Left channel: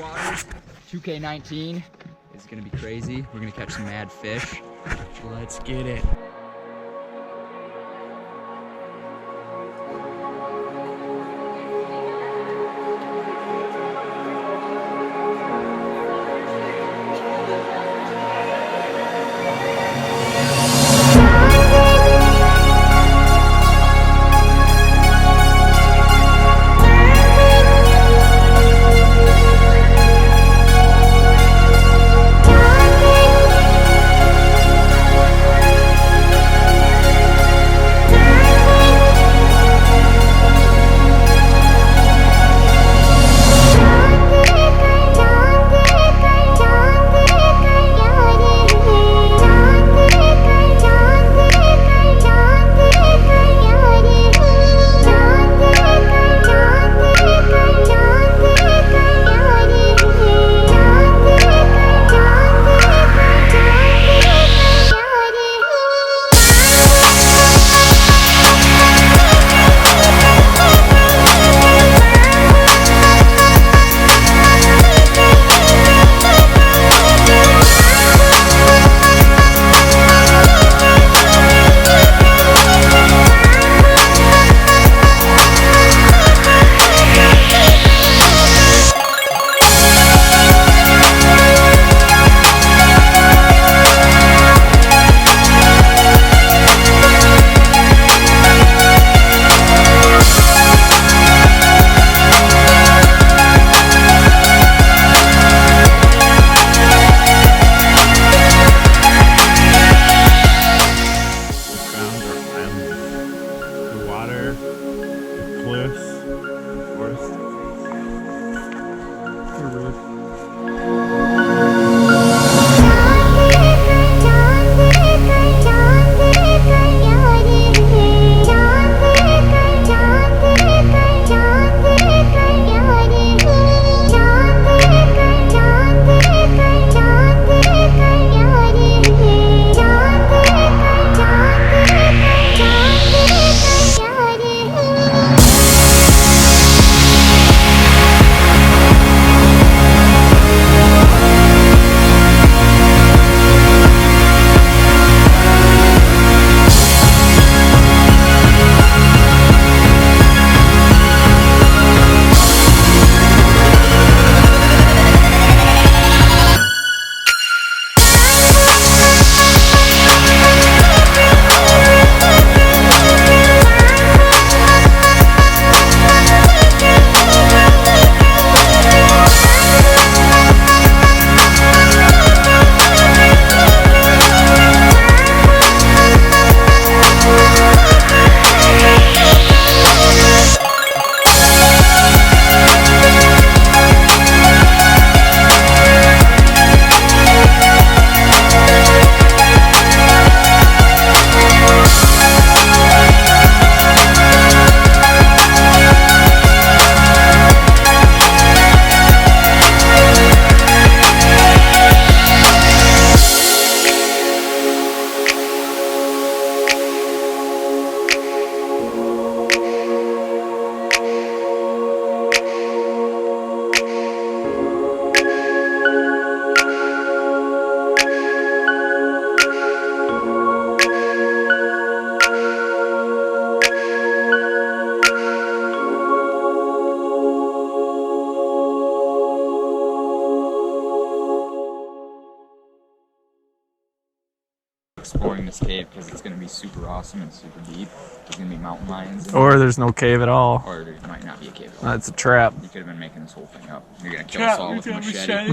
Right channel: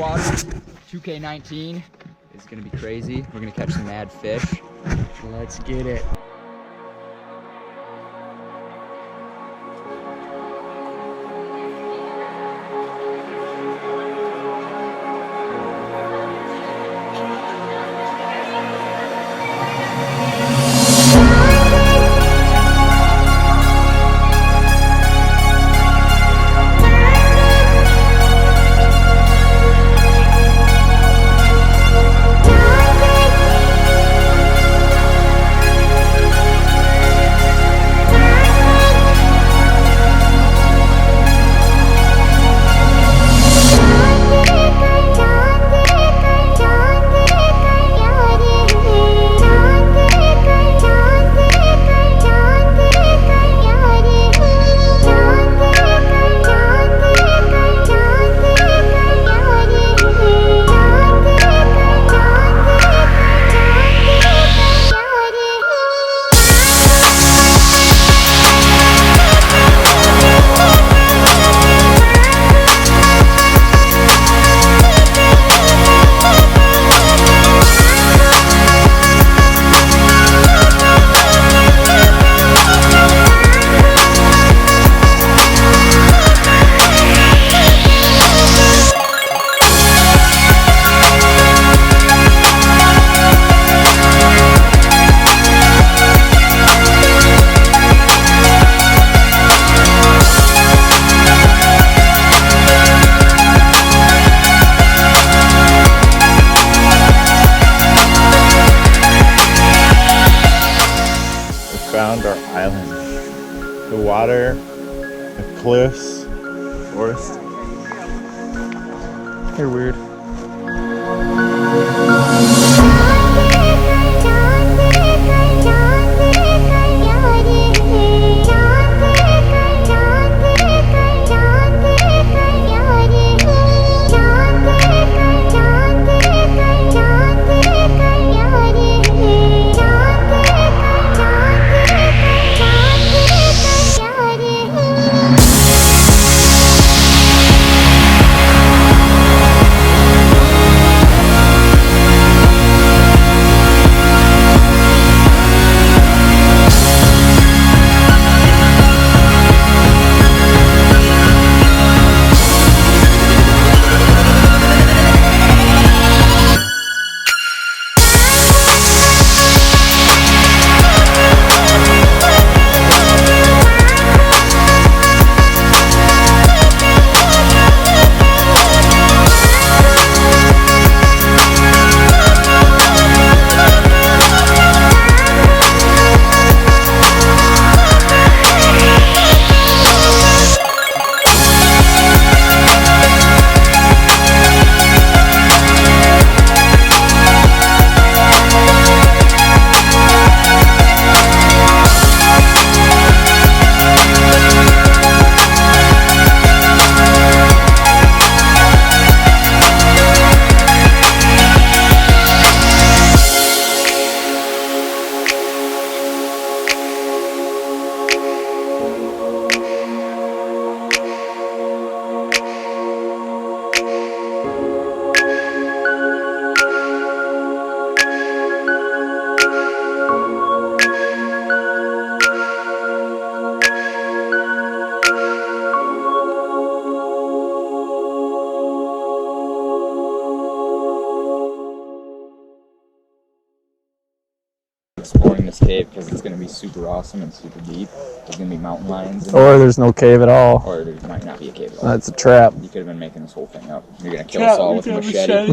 waters. 2K19 is gonna be crazy. We're gonna catch some mad fish. Let's get it. Found our island. The water, the cliffs, forest. They're weird. Exploring this cave because it's going to be super awesome and super deep. There's going to be mountain lions in Or there. there's no cave at all. Or there might not be a cave at all. That's a trap. You could have been making this whole thing up. You're going to kill us all with a machete.